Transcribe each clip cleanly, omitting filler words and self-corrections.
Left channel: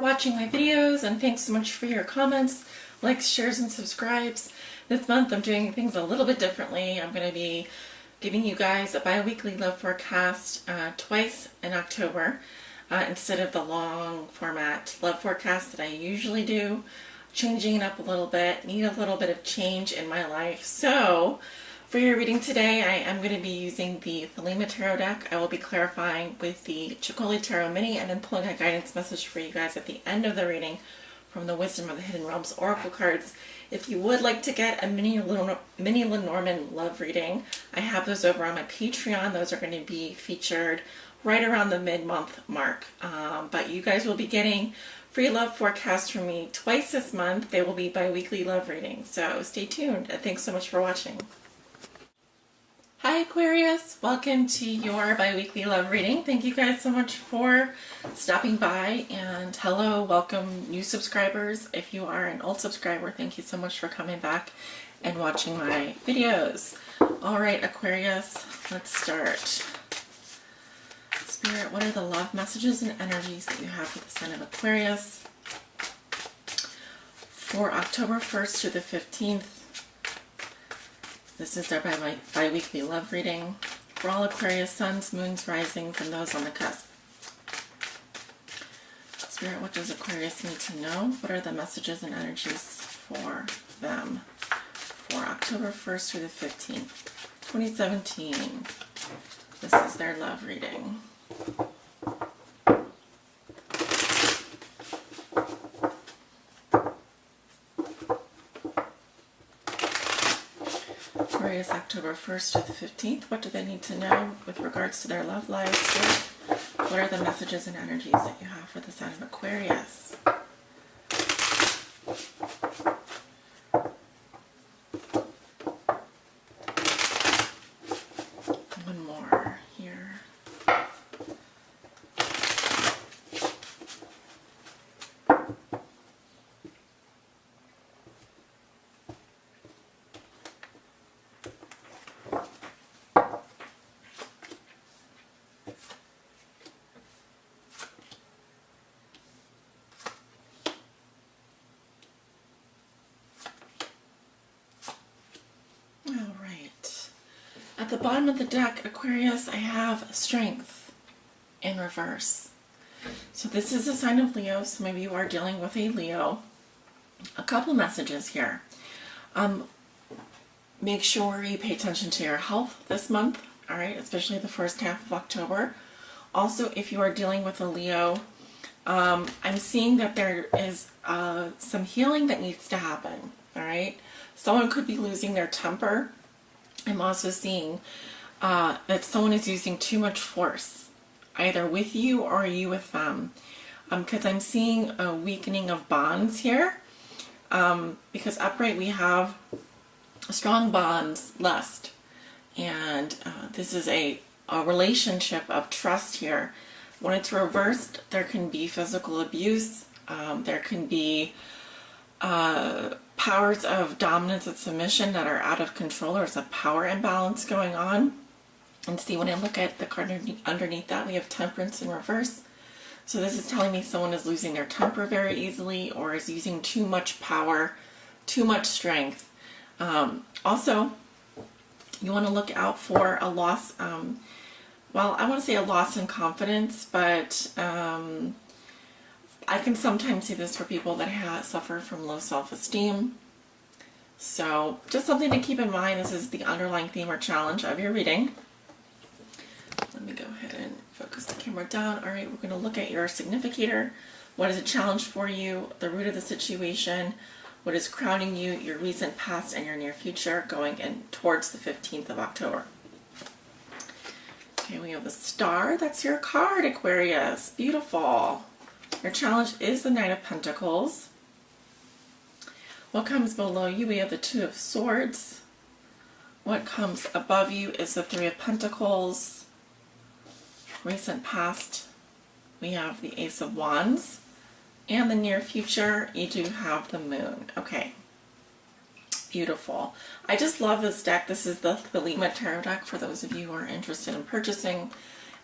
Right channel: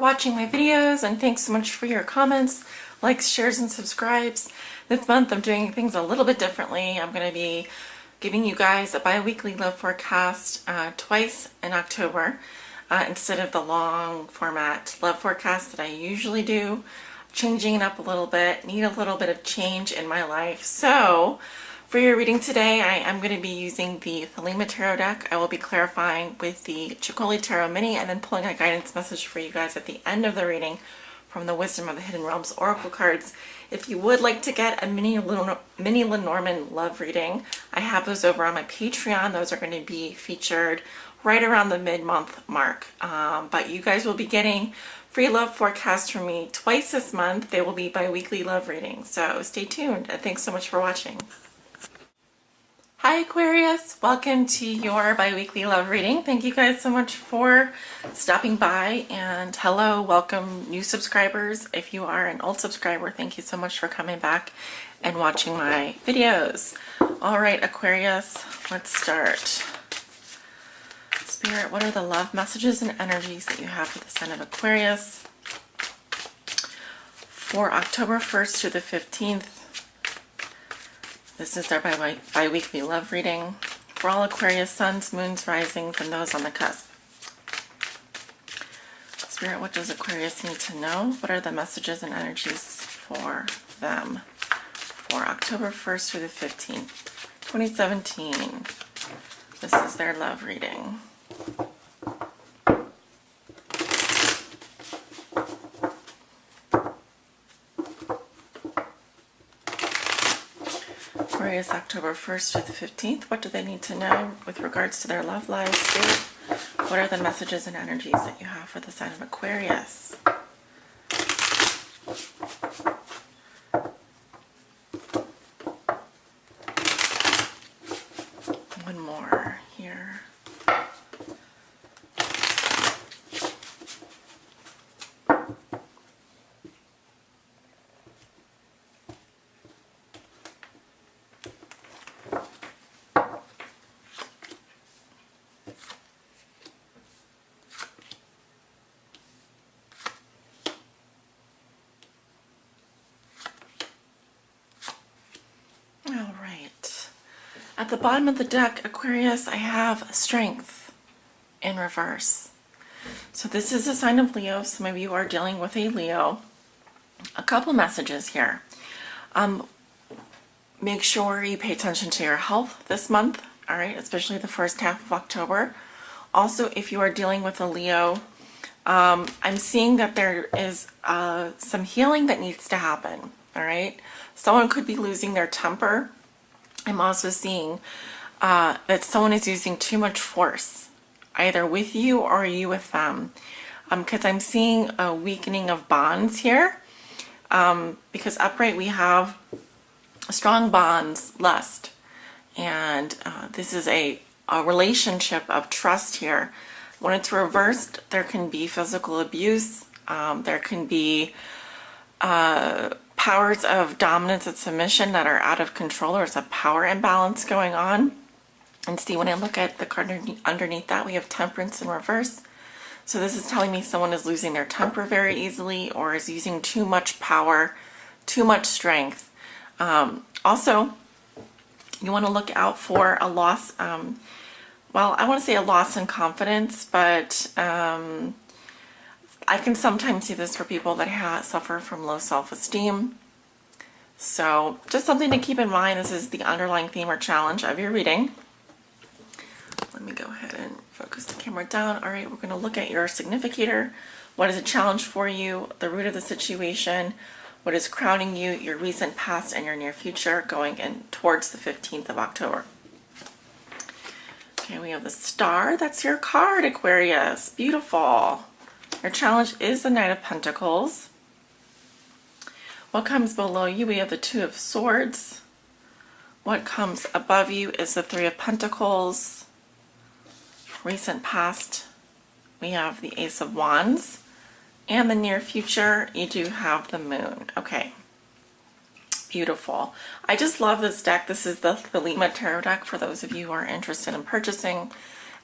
watching my videos, and thanks so much for your comments, likes, shares, and subscribes. This month I'm doing things a little bit differently. I'm going to be giving you guys a bi-weekly love forecast twice in October instead of the long format love forecast that I usually do. Changing it up a little bit, need a little bit of change in my life. So for your reading today, I am going to be using the Thelema Tarot deck. I will be clarifying with the Chicoli Tarot Mini and then pulling a guidance message for you guys at the end of the reading from the Wisdom of the Hidden Realms Oracle cards. If you would like to get a mini Lenormand love reading, I have those over on my Patreon. Those are going to be featured right around the mid-month mark. But you guys will be getting free love forecasts from me twice this month. They will be bi-weekly love readings. So stay tuned, and thanks so much for watching. Hi Aquarius, welcome to your bi-weekly love reading. Thank you guys so much for stopping by, and hello, welcome new subscribers. If you are an old subscriber, thank you so much for coming back and watching my videos. All right, Aquarius, let's start. Spirit, what are the love messages and energies that you have for the sign of Aquarius for October 1st to the 15th? This is our bi-weekly love reading for all Aquarius suns, moons, risings, and those on the cusp. Spirit, what does Aquarius need to know? What are the messages and energies for them for October 1st through the 15th, 2017? This is their love reading. Aquarius, October 1st to the 15th. What do they need to know with regards to their love lives? What are the messages and energies that you have for the sign of Aquarius? One more here. At the bottom of the deck, Aquarius, I have Strength in reverse. So this is a sign of Leo. Some of you are dealing with a Leo. A couple messages here. Make sure you pay attention to your health this month, all right, especially the first half of October. Also, if you are dealing with a Leo, I'm seeing that there is some healing that needs to happen, all right? Someone could be losing their temper. I'm also seeing that someone is using too much force, either with you or you with them, because I'm seeing a weakening of bonds here, because upright we have strong bonds, lust, and this is a relationship of trust here. When it's reversed, there can be physical abuse, there can be powers of dominance and submission that are out of control. There's a power imbalance going on. And see, when I look at the card underneath that, we have Temperance in reverse. So this is telling me someone is losing their temper very easily or is using too much power, too much strength. Also, you want to look out for a loss, well, I want to say a loss in confidence, but I can sometimes see this for people that suffer from low self-esteem. So just something to keep in mind. This is the underlying theme or challenge of your reading. Let me go ahead and focus the camera down. All right, we're going to look at your significator. What is a challenge for you? The root of the situation. What is crowning you? Your recent past and your near future going in towards the 15th of October. Okay, we have the Star. That's your card, Aquarius. Beautiful. Your challenge is the Knight of Pentacles. What comes below you? We have the Two of Swords. What comes above you is the Three of Pentacles. Recent past, we have the Ace of Wands. And the near future, you do have the Moon. Okay. Beautiful. I just love this deck. This is the Thelema Tarot deck for those of you who are interested in purchasing.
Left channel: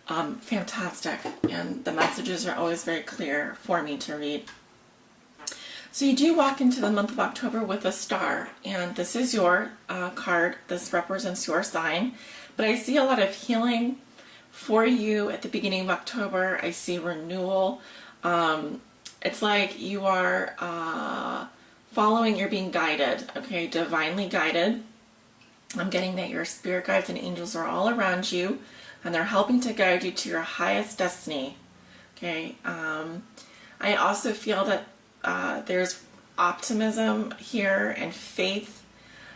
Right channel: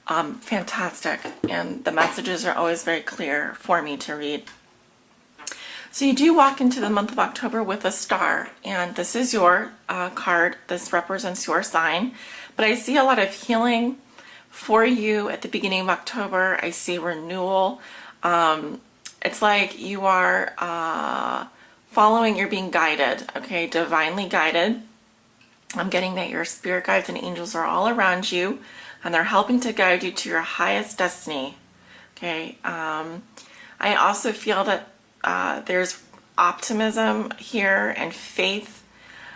fantastic. And the messages are always very clear for me to read. So you do walk into the month of October with a star, and this is your card. This represents your sign. But I see a lot of healing for you at the beginning of October. I see renewal. It's like you are following, you're being guided, okay, divinely guided. I'm getting that your spirit guides and angels are all around you, and they're helping to guide you to your highest destiny, okay. I also feel that there's optimism here and faith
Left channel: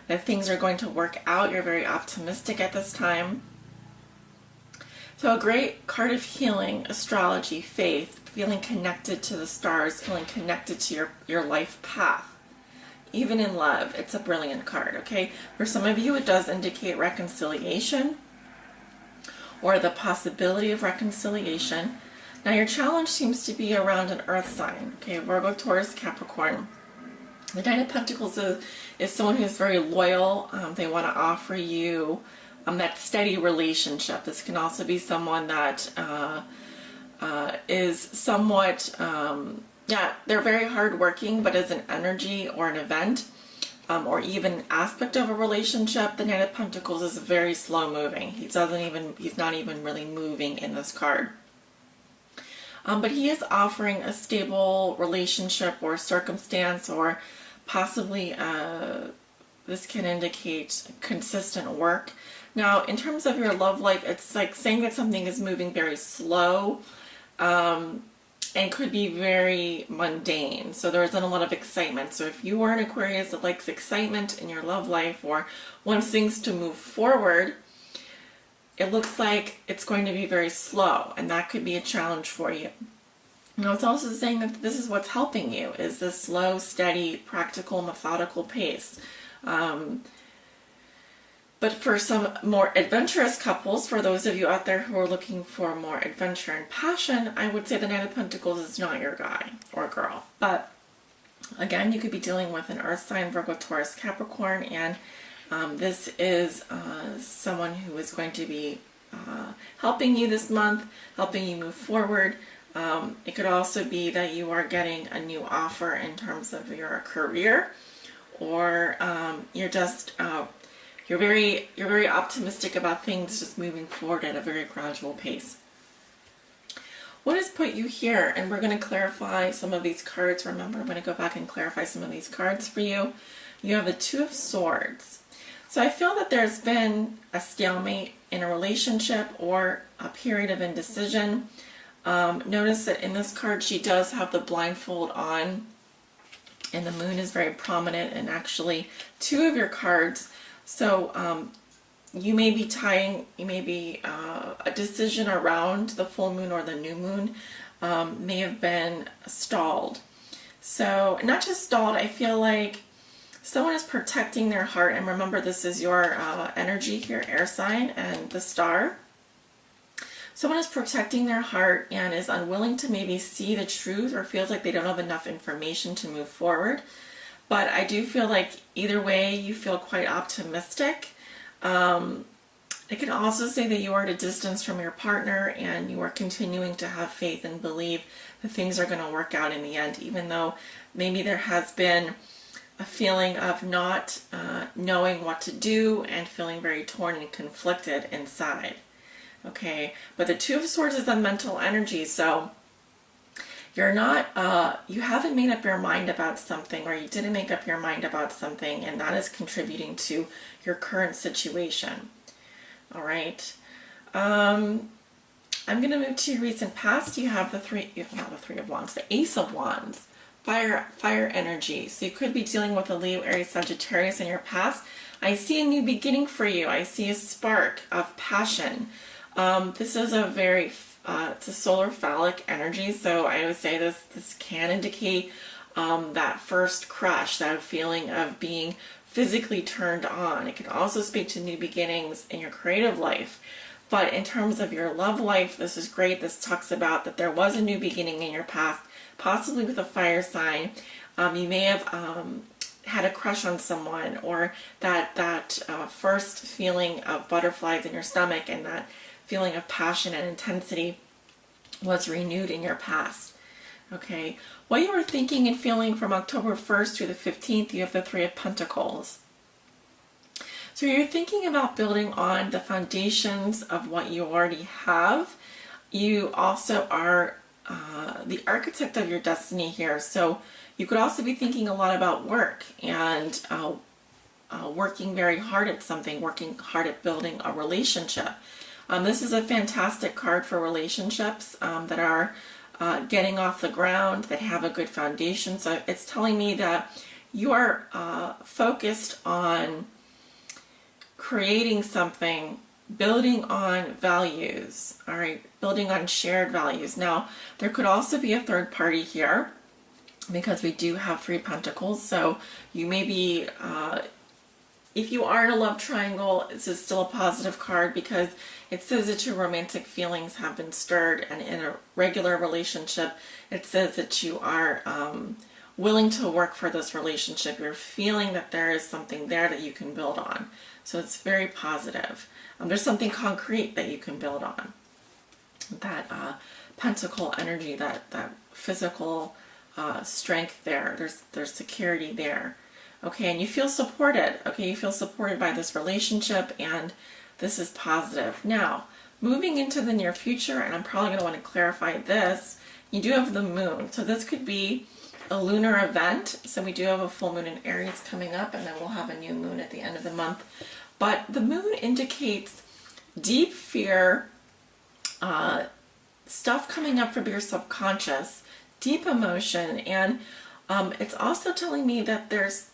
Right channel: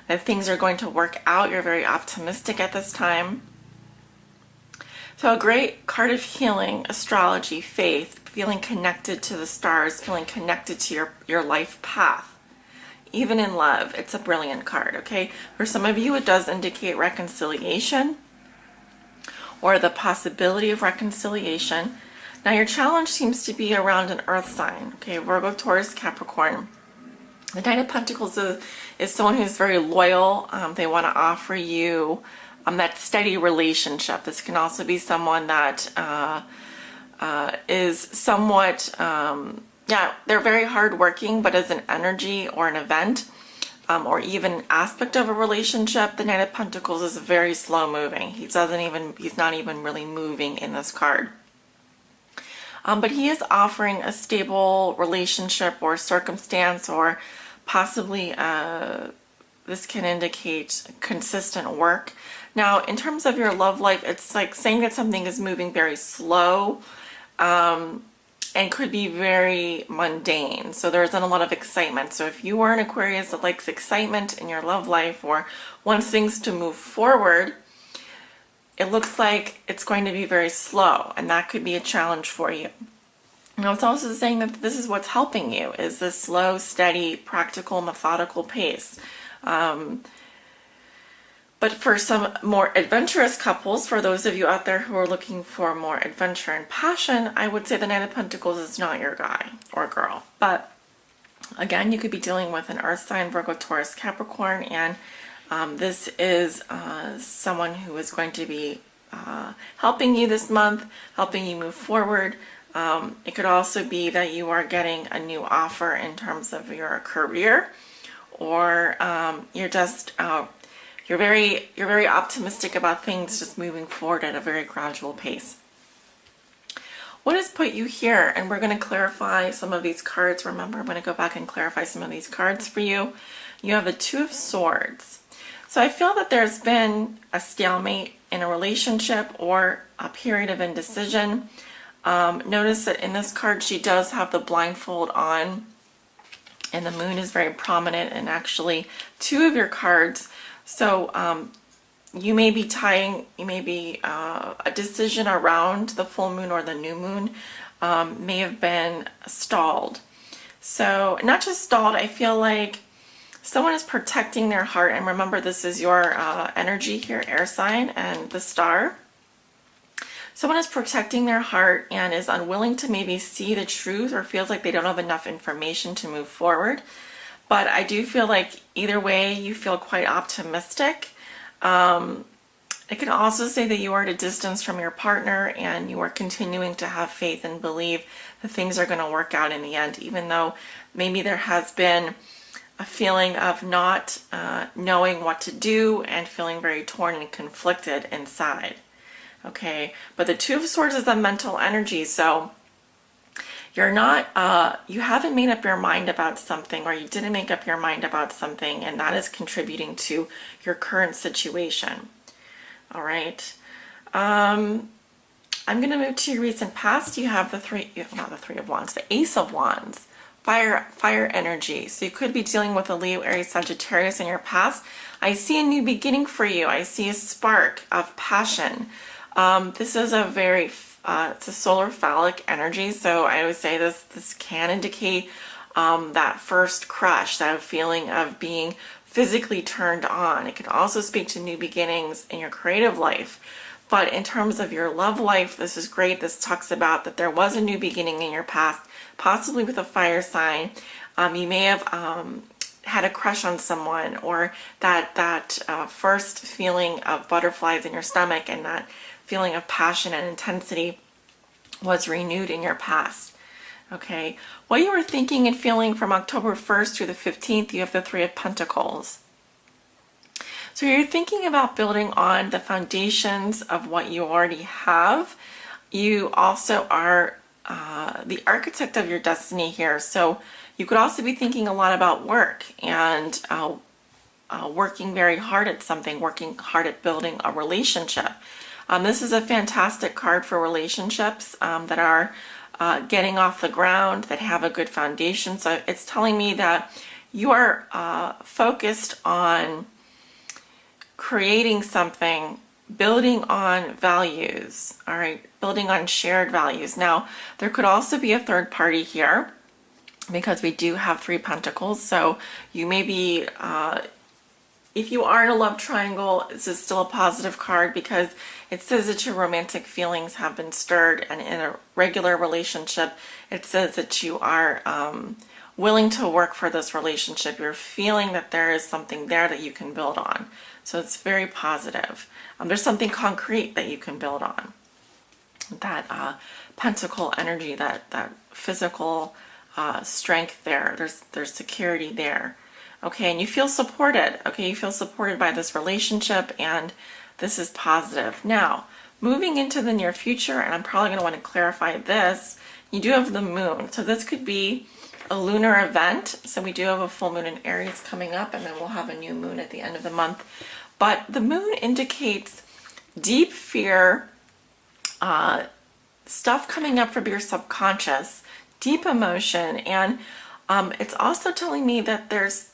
that things are going to work out. You're very optimistic at this time. So a great card of healing, astrology, faith, feeling connected to the stars, feeling connected to your life path. Even in love, it's a brilliant card, okay? For some of you, it does indicate reconciliation or the possibility of reconciliation. Now, your challenge seems to be around an earth sign, okay? Virgo, Taurus, Capricorn. The Knight of Pentacles is someone who's very loyal. They want to offer you that steady relationship. This can also be someone that is somewhat, yeah, they're very hardworking, but as an energy or an event or even aspect of a relationship, the Knight of Pentacles is very slow moving. He's not even really moving in this card. But he is offering a stable relationship or circumstance, or possibly this can indicate consistent work. Now, in terms of your love life, it's like saying that something is moving very slow and could be very mundane. So there isn't a lot of excitement. So if you are an Aquarius that likes excitement in your love life or wants things to move forward, it looks like it's going to be very slow, and that could be a challenge for you. Now, it's also saying that this is what's helping you, is this slow, steady, practical, methodical pace. But for some more adventurous couples, for those of you out there who are looking for more adventure and passion, I would say the Knight of Pentacles is not your guy or girl. But again, you could be dealing with an earth sign, Virgo, Taurus, Capricorn, and this is someone who is going to be helping you this month, helping you move forward. It could also be that you are getting a new offer in terms of your career, or you're just you're very optimistic about things just moving forward at a very gradual pace. What has put you here? And we're going to clarify some of these cards. Remember, I'm going to go back and clarify some of these cards for you. You have the Two of Swords. So I feel that there's been a stalemate in a relationship or a period of indecision. Notice that in this card she does have the blindfold on, and the moon is very prominent in actually two of your cards. So you may be a decision around the full moon or the new moon may have been stalled. So not just stalled, I feel like someone is protecting their heart. And remember, this is your energy here, air sign, and the star. Someone is protecting their heart and is unwilling to maybe see the truth, or feels like they don't have enough information to move forward. But I do feel like either way, you feel quite optimistic. It can also say that you are at a distance from your partner and you are continuing to have faith and believe that things are going to work out in the end, even though maybe there has been a feeling of not knowing what to do and feeling very torn and conflicted inside. Okay, but the Two of Swords is a mental energy, so you're not, you haven't made up your mind about something, or you didn't make up your mind about something, and that is contributing to your current situation. All right. I'm going to move to your recent past. You have not the Three of Wands, the Ace of Wands, fire energy. So you could be dealing with a Leo, Aries, Sagittarius in your past. I see a new beginning for you. I see a spark of passion. This is a very, it's a solar phallic energy, so I would say this can indicate that first crush, that feeling of being physically turned on. It can also speak to new beginnings in your creative life. But in terms of your love life, this is great. This talks about that there was a new beginning in your past, possibly with a fire sign. You may have had a crush on someone, or that first feeling of butterflies in your stomach, and that feeling of passion and intensity was renewed in your past. Okay, what you were thinking and feeling from October 1st through the 15th, you have the Three of Pentacles. So you're thinking about building on the foundations of what you already have. You also are the architect of your destiny here. So you could also be thinking a lot about work and working very hard at something, working hard at building a relationship. This is a fantastic card for relationships that are getting off the ground, that have a good foundation. So it's telling me that you are focused on creating something, building on values, all right, building on shared values. Now, there could also be a third party here because we do have Three Pentacles. So you may be, if you are in a love triangle, this is still a positive card because it says that your romantic feelings have been stirred, and in a regular relationship, it says that you are willing to work for this relationship. You're feeling that there is something there that you can build on. So it's very positive. There's something concrete that you can build on. That pentacle energy, that physical strength there. There's security there. Okay, and you feel supported. Okay, you feel supported by this relationship, and this is positive. Now, moving into the near future, and I'm probably going to want to clarify this, you do have the moon. So this could be a lunar event. So we do have a full moon in Aries coming up, and then we'll have a new moon at the end of the month. But the moon indicates deep fear, stuff coming up from your subconscious, deep emotion, and it's also telling me that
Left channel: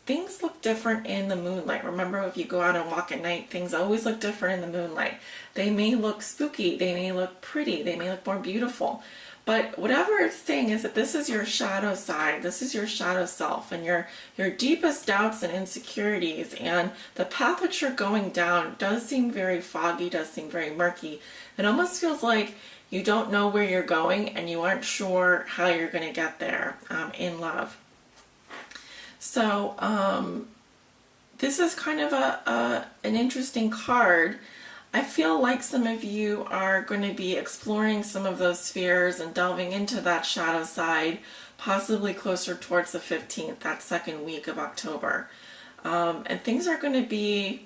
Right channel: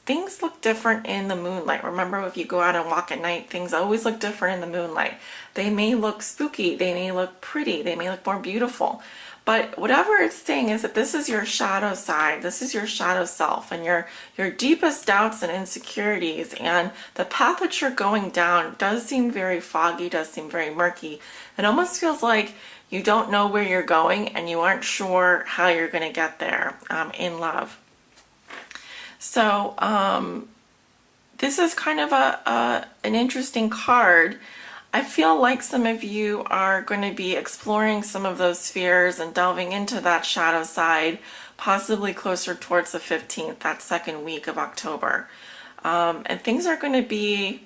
things look different in the moonlight. Remember, if you go out and walk at night, things always look different in the moonlight. They may look spooky, they may look pretty, they may look more beautiful. But whatever it's saying is that this is your shadow side, this is your shadow self, and your deepest doubts and insecurities, and the path that you're going down does seem very foggy, does seem very murky. It almost feels like you don't know where you're going and you aren't sure how you're going to get there in love. So this is kind of an interesting card. I feel like some of you are going to be exploring some of those fears and delving into that shadow side, possibly closer towards the 15th, that second week of October. And things are going to be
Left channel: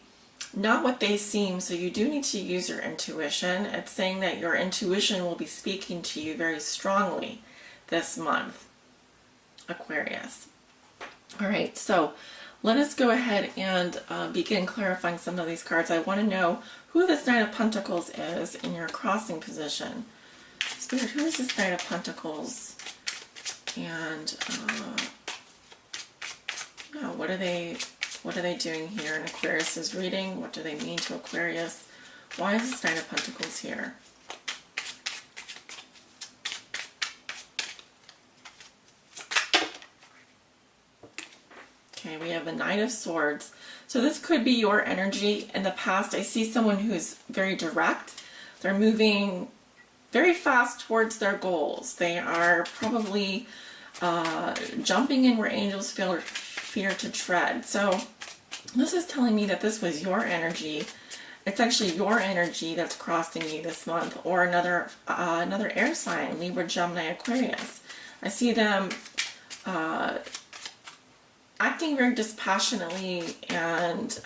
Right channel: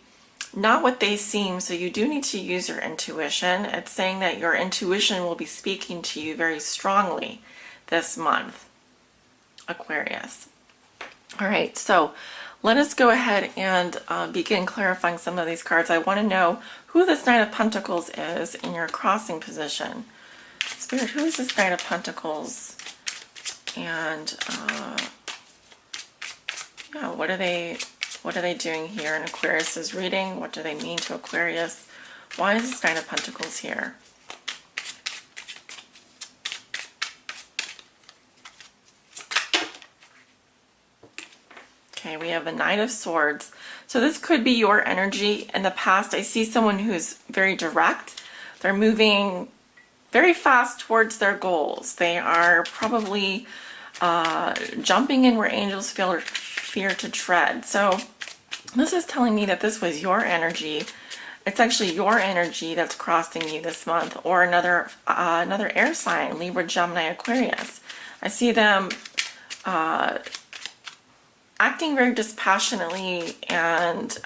not what they seem, so you do need to use your intuition. It's saying that your intuition will be speaking to you very strongly this month, Aquarius. All right, so let us go ahead and begin clarifying some of these cards. I want to know who this Knight of Pentacles is in your crossing position. Spirit, who is this Knight of Pentacles? And yeah, what are they doing here in Aquarius's reading? What do they mean to Aquarius? Why is this Knight of Pentacles here? Okay, we have the Knight of Swords. So this could be your energy in the past. I see someone who's very direct. They're moving very fast towards their goals. They are probably jumping in where angels fear to tread. So this is telling me that this was your energy. It's actually your energy that's crossing you this month, or another air sign, Libra, Gemini, Aquarius. I see them acting very dispassionately and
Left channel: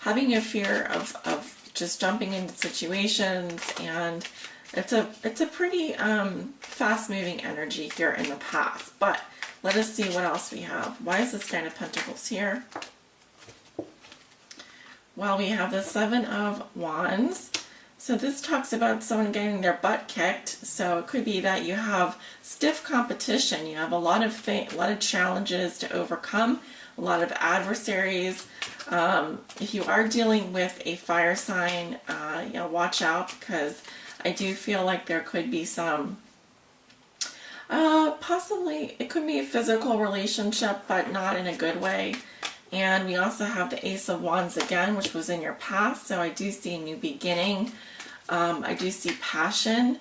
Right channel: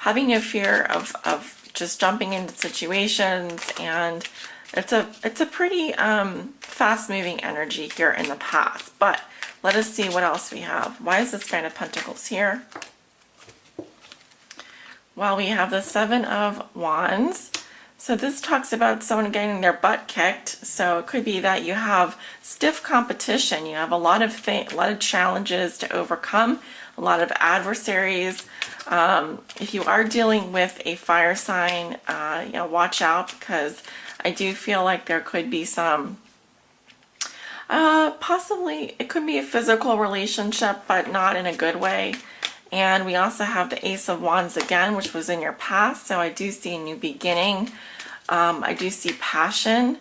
having no fear of just jumping into situations, and it's a pretty fast-moving energy here in the past. But let us see what else we have. Why is this Knight of Pentacles here? Well, we have the Seven of Wands. So this talks about someone getting their butt kicked. So it could be that you have stiff competition. You have a lot of challenges to overcome, a lot of adversaries. If you are dealing with a fire sign, you know, watch out, because I do feel like there could be some, possibly it could be a physical relationship, but not in a good way. And we also have the Ace of Wands again, which was in your past. So I do see a new beginning. I do see passion,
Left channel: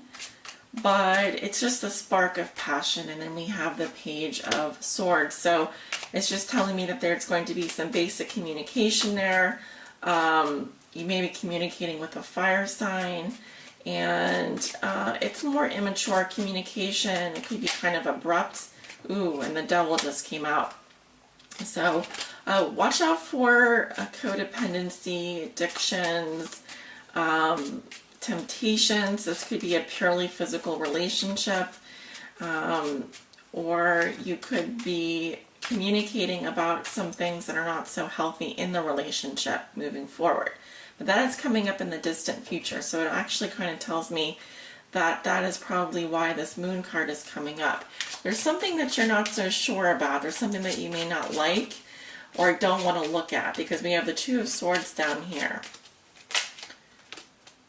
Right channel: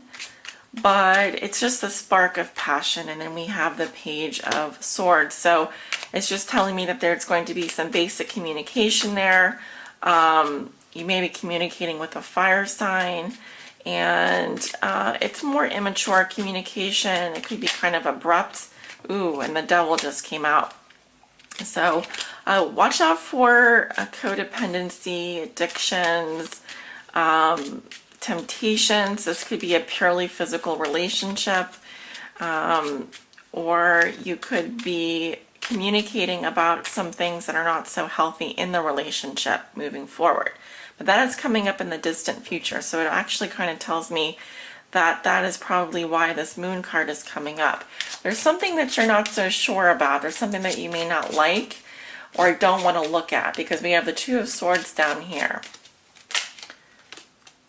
but it's just a spark of passion. And then we have the Page of Swords. So it's just telling me that there's going to be some basic communication there. You may be communicating with a fire sign, and it's more immature communication. It could be kind of abrupt. Ooh, and the devil just came out. So watch out for codependency, addictions, temptations. This could be a purely physical relationship, or you could be communicating about some things that are not so healthy in the relationship moving forward. But that is coming up in the distant future, so it actually kind of tells me that that is probably why this moon card is coming up. There's something that you're not so sure about. There's something that you may not like or don't want to look at, because we have the Two of Swords down here.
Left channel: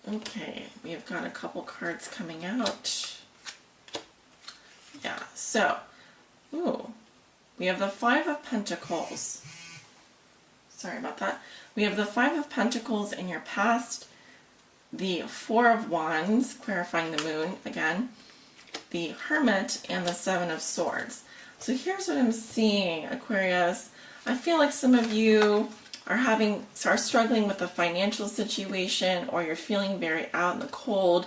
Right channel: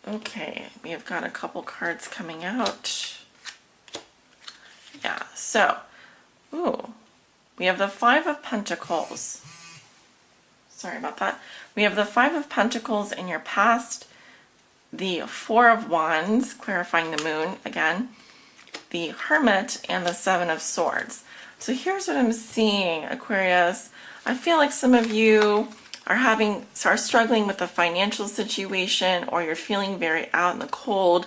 Okay, we have got a couple cards coming out. Yeah, so, ooh, we have the Five of Pentacles. Sorry about that. We have the Five of Pentacles in your past, the Four of Wands, clarifying the moon again, the Hermit, and the Seven of Swords. So here's what I'm seeing, Aquarius. I feel like some of you are struggling with a financial situation, or you're feeling very out in the cold.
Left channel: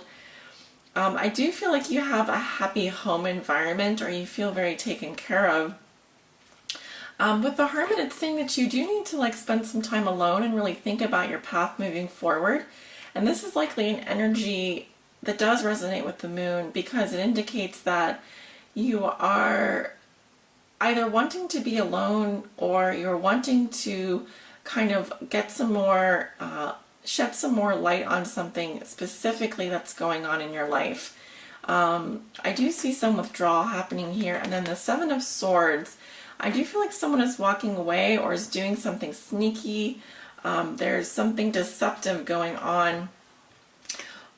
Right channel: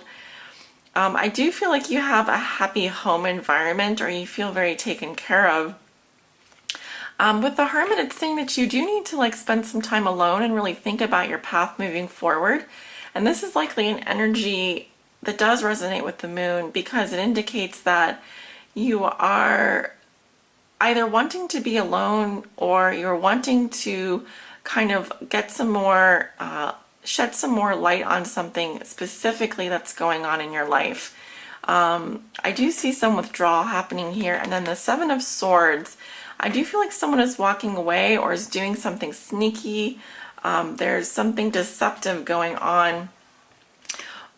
I do feel like you have a happy home environment, or you feel very taken care of. With the Hermit, it's saying that you do need to like spend some time alone and really think about your path moving forward. And this is likely an energy that does resonate with the moon, because it indicates that you are either wanting to be alone, or you're wanting to kind of get some more, shed some more light on something specifically that's going on in your life. I do see some withdrawal happening here. And then the Seven of Swords, I do feel like someone is walking away or is doing something sneaky. There's something deceptive going on,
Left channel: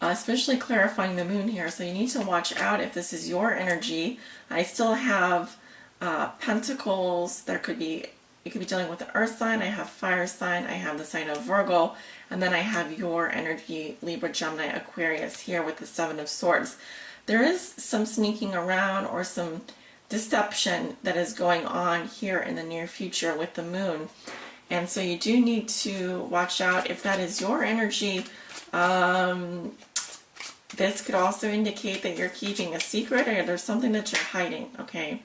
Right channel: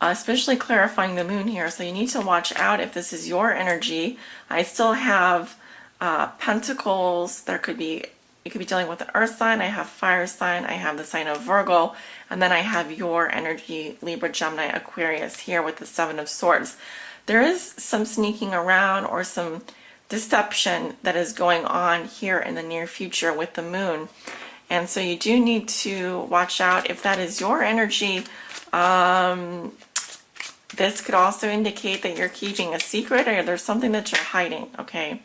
especially clarifying the moon here. So you need to watch out if this is your energy. I still have Pentacles. You could be dealing with the Earth sign. I have Fire sign. I have the sign of Virgo. And then I have your energy, Libra, Gemini, Aquarius, here with the Seven of Swords. There is some sneaking around or some deception that is going on here in the near future with the moon. And so you do need to watch out if that is your energy. This could also indicate that you're keeping a secret, or there's something that you're hiding, okay?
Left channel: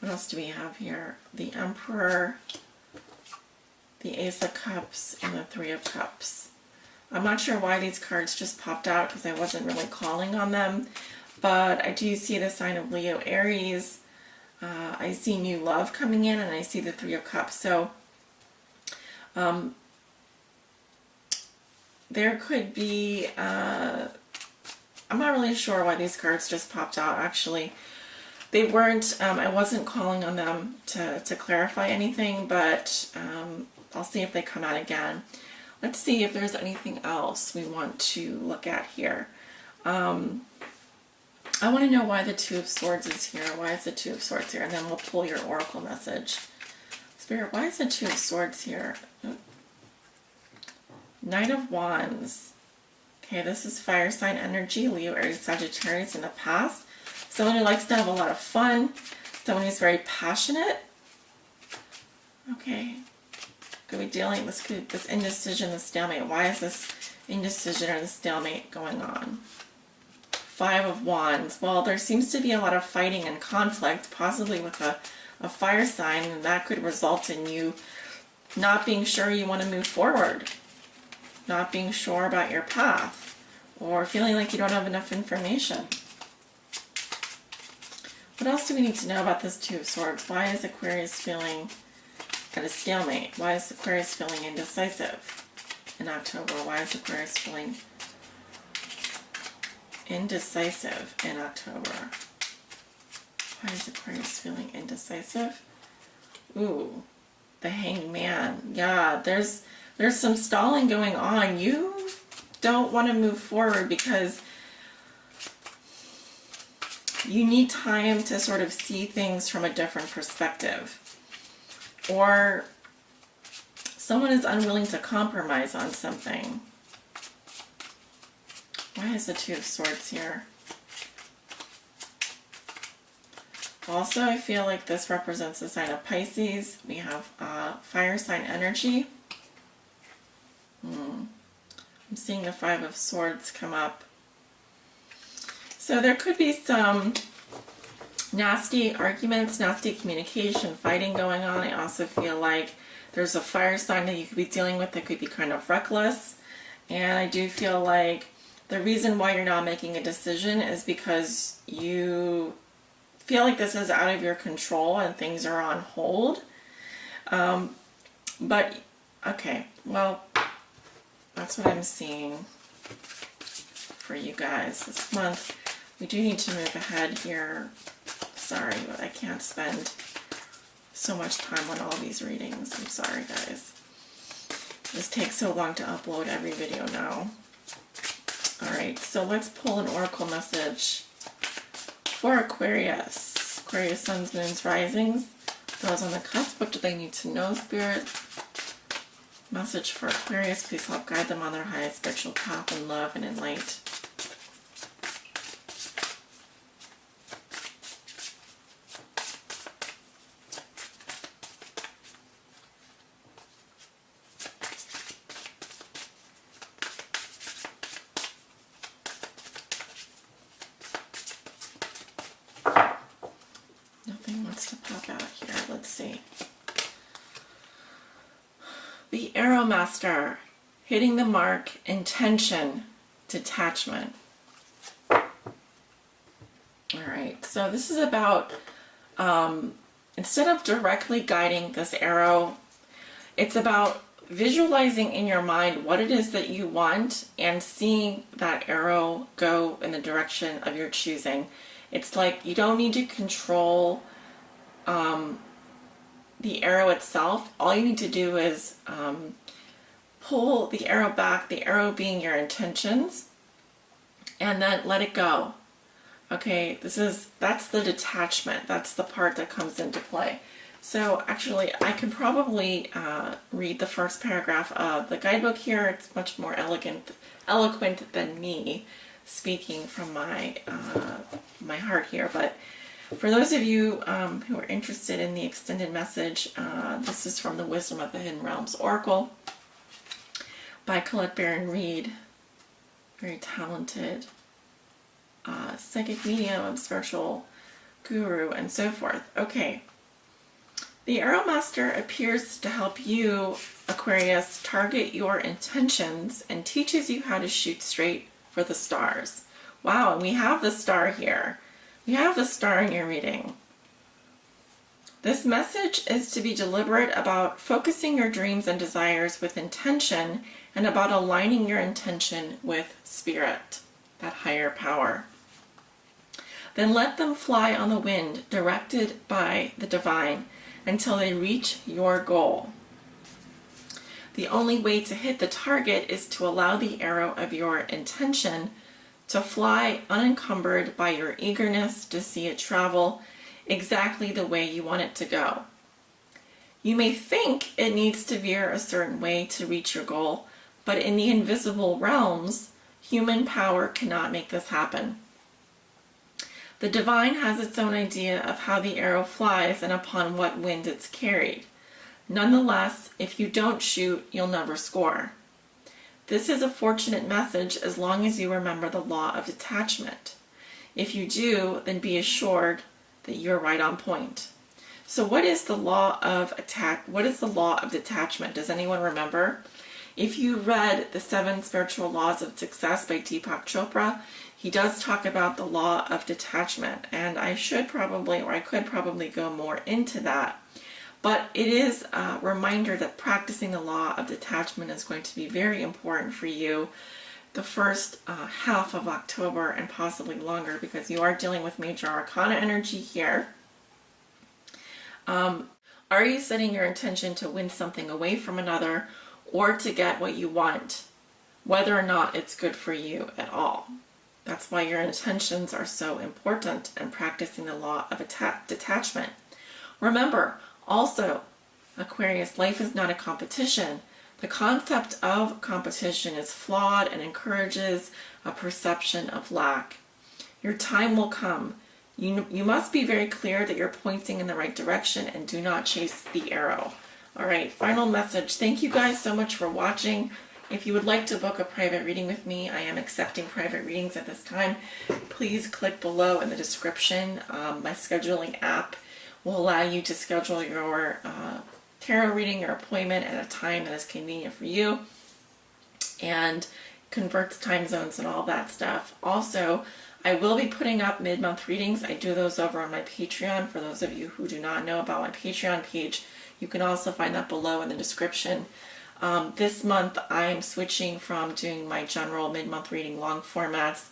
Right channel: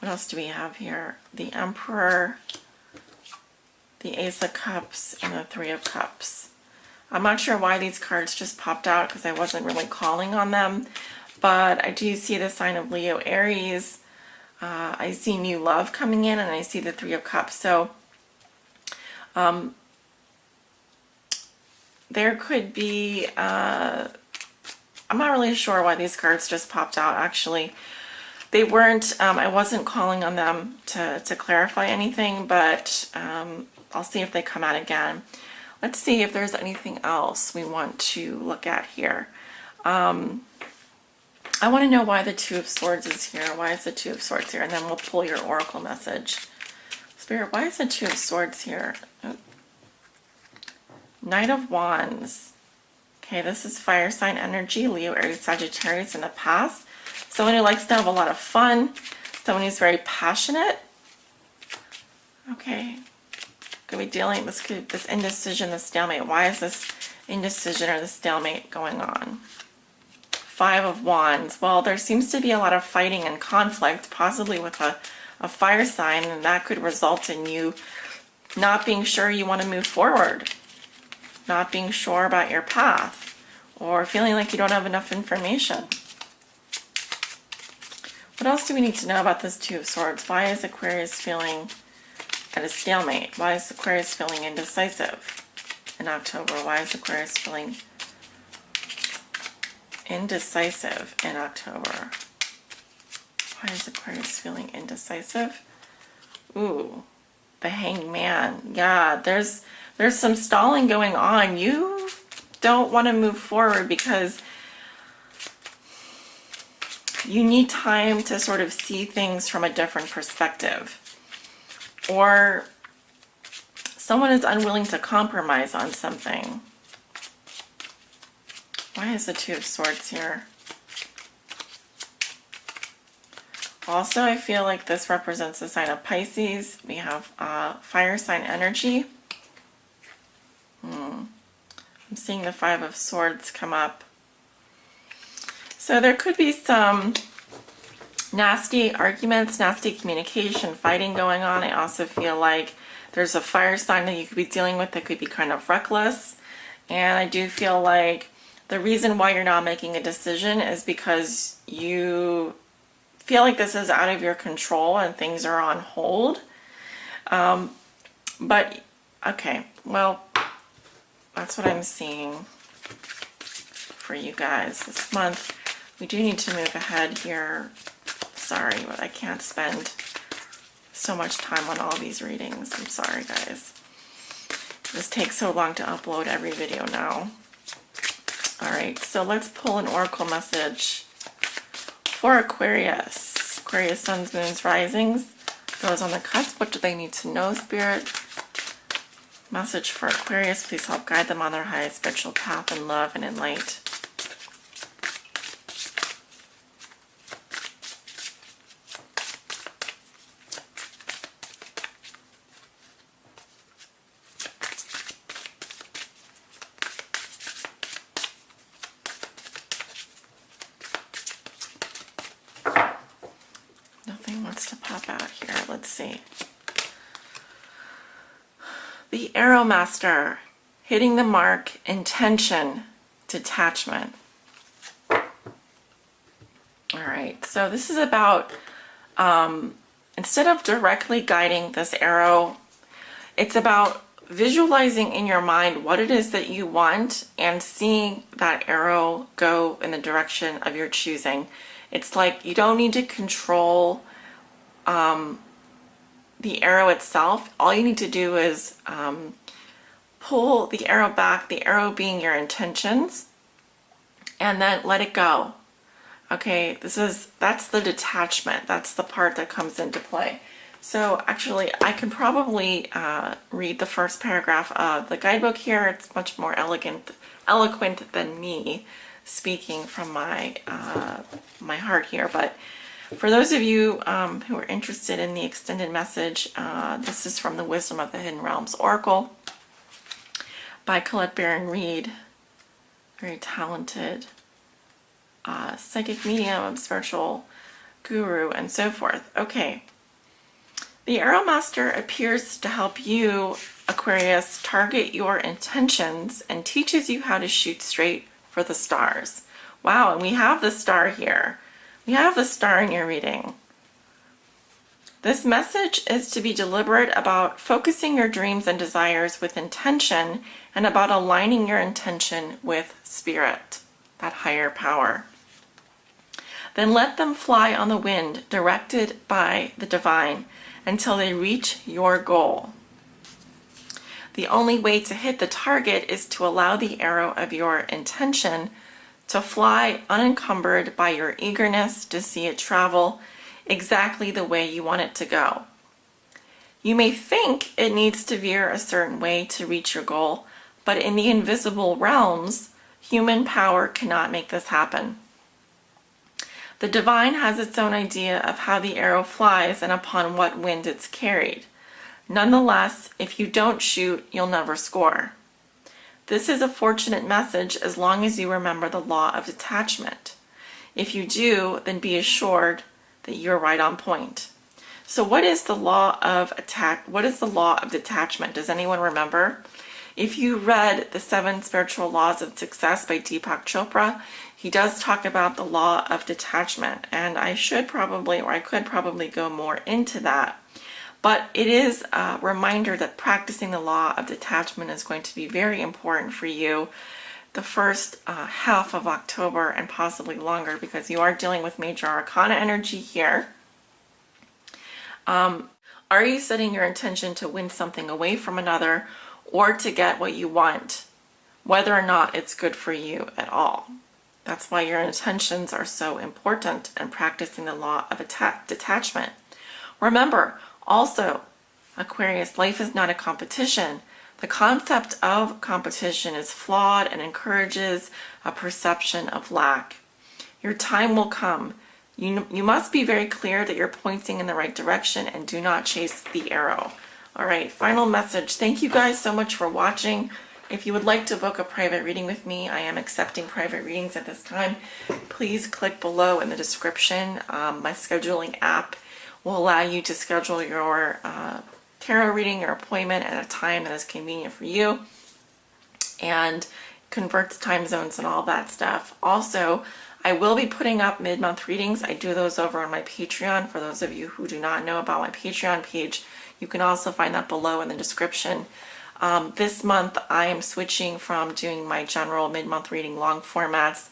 What else do we have here? The Emperor, the Ace of Cups, and the Three of Cups. I'm not sure why these cards just popped out, because I wasn't really calling on them. But I do see the sign of Leo, Aries. I see new love coming in, and I see the Three of Cups. So there could be, I'm not really sure why these cards just popped out, actually. They weren't, I wasn't calling on them to clarify anything, but I'll see if they come out again. Let's see if there's anything else we want to look at here. I want to know why the Two of Swords is here. Why is the Two of Swords here? And then we'll pull your oracle message. Spirit, why is the Two of Swords here? Oh. Knight of Wands. Okay, this is fire sign energy, Leo, Aries, Sagittarius in the past. Someone who likes to have a lot of fun. Someone who's very passionate. Okay. Could be dealing, this indecision, this stalemate. Why is this indecision or the stalemate going on? Five of Wands. Well, there seems to be a lot of fighting and conflict, possibly with a fire sign, and that could result in you not being sure you want to move forward, not being sure about your path, or feeling like you don't have enough information. What else do we need to know about this Two of Swords? Why is Aquarius feeling at a stalemate? Why is Aquarius feeling indecisive in October? Why is Aquarius feeling indecisive in October? Why is Aquarius feeling indecisive? Ooh, the Hanged Man. Yeah, there's some stalling going on. You don't want to move forward because you need time to sort of see things from a different perspective. Or someone is unwilling to compromise on something. Why is the Two of Swords here? Also, I feel like this represents the sign of Pisces. We have fire sign energy. I'm seeing the Five of Swords come up. So there could be some nasty arguments, nasty communication, fighting going on. I also feel like there's a fire sign that you could be dealing with that could be kind of reckless. And I do feel like the reason why you're not making a decision is because you feel like this is out of your control and things are on hold. But, okay, well, that's what I'm seeing for you guys this month. We do need to move ahead here. Sorry, but I can't spend so much time on all these readings. I'm sorry, guys. This takes so long to upload every video now. Alright, so let's pull an oracle message for Aquarius. Aquarius, suns, moons, risings. Those on the cusp, what do they need to know, Spirit? Message for Aquarius, please help guide them on their highest spiritual path in love and in light. Nothing wants to pop out here. Let's see. The Arrow Master, hitting the mark, intention, detachment. Alright, so this is about, instead of directly guiding this arrow, it's about visualizing in your mind what it is that you want and seeing that arrow go in the direction of your choosing. It's like you don't need to control the arrow itself. All you need to do is pull the arrow back, the arrow being your intentions, and then let it go. Okay, that's the detachment. That's the part that comes into play. So actually, I can probably read the first paragraph of the guidebook here. It's much more eloquent than me speaking from my my heart here. But for those of you who are interested in the extended message, this is from the Wisdom of the Hidden Realms Oracle by Colette Baron Reed. Very talented psychic medium, spiritual guru, and so forth. Okay. The Arrow Master appears to help you, Aquarius, target your intentions and teaches you how to shoot straight for the stars. Wow, and we have the star here. We have the star in your reading. This message is to be deliberate about focusing your dreams and desires with intention and about aligning your intention with spirit, that higher power. Then let them fly on the wind, directed by the divine, until they reach your goal. The only way to hit the target is to allow the arrow of your intention to fly unencumbered by your eagerness to see it travel exactly the way you want it to go. You may think it needs to veer a certain way to reach your goal, but in the invisible realms, human power cannot make this happen. The divine has its own idea of how the arrow flies and upon what wind it's carried. Nonetheless, if you don't shoot, you'll never score. This is a fortunate message as long as you remember the law of detachment. If you do, then be assured that you're right on point. So what is the law of detachment? Does anyone remember? If you read The 7 Spiritual Laws of Success by Deepak Chopra, he does talk about the law of detachment, and I could probably go more into that. But it is a reminder that practicing the law of detachment is going to be very important for you the first half of October and possibly longer, because you are dealing with major arcana energy here. Are you setting your intention to win something away from another or to get what you want, whether or not it's good for you at all? That's why your intentions are so important and practicing the law of detachment. Remember, also, Aquarius, life is not a competition. The concept of competition is flawed and encourages a perception of lack. Your time will come. You must be very clear that you're pointing in the right direction and do not chase the arrow. All right, final message. Thank you guys so much for watching. If you would like to book a private reading with me, I am accepting private readings at this time. Please click below in the description. My scheduling app will allow you to schedule your tarot reading, your appointment at a time that is convenient for you, and converts time zones and all that stuff. Also, I will be putting up mid-month readings. I do those over on my Patreon. For those of you who do not know about my Patreon page, you can also find that below in the description. This month, I am switching from doing my general mid-month reading long formats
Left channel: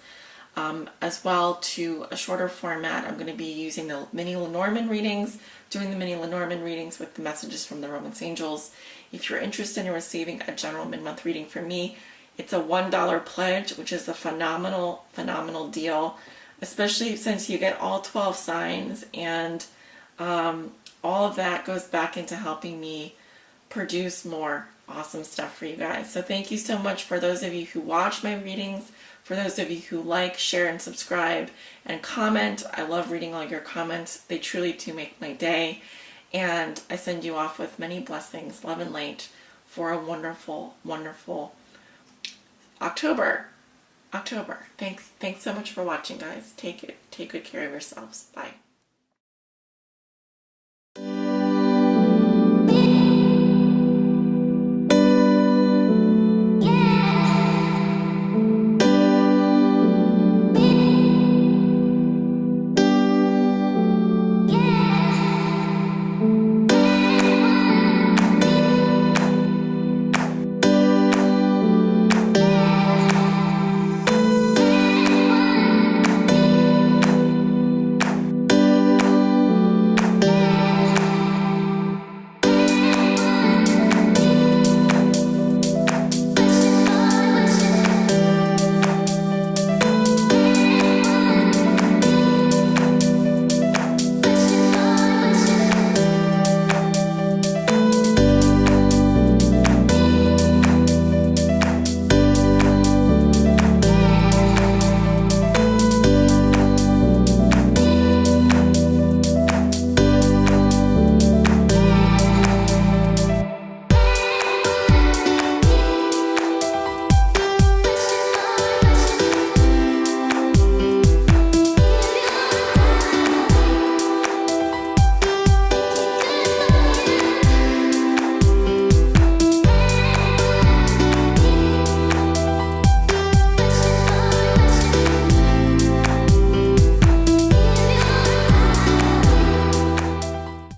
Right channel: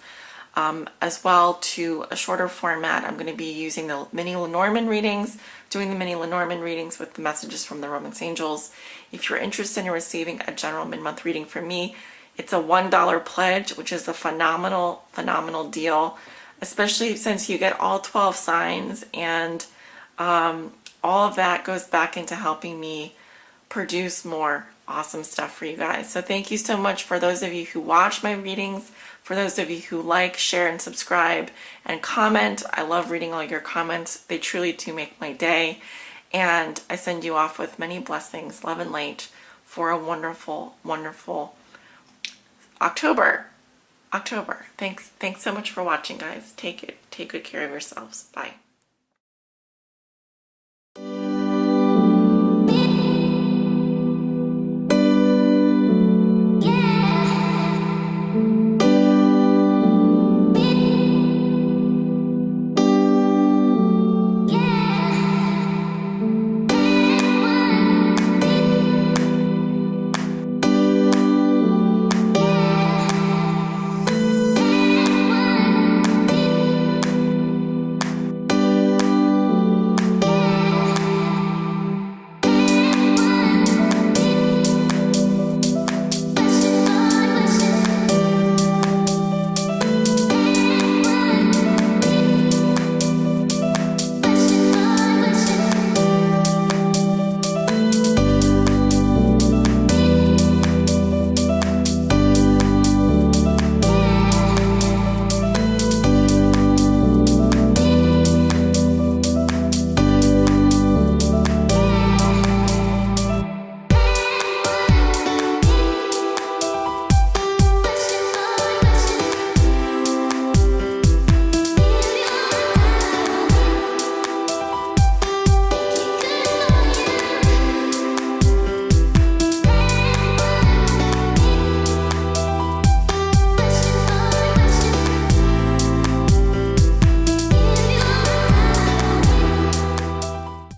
as well to a shorter format. I'm going to be using the mini Lenormand readings, doing the mini Lenormand readings with the messages from the Romance Angels. If you're interested in receiving a general mid-month reading from me, it's a $1 pledge, which is a phenomenal, phenomenal deal, especially since you get all 12 signs, and all of that goes back into helping me produce more awesome stuff for you guys. So thank you so much for those of you who watch my readings, for those of you who like, share, and subscribe, and comment. I love reading all your comments. They truly do make my day. And I send you off with many blessings, love and light, for a wonderful, wonderful October. Thanks so much for watching, guys. Take good care of yourselves. Bye.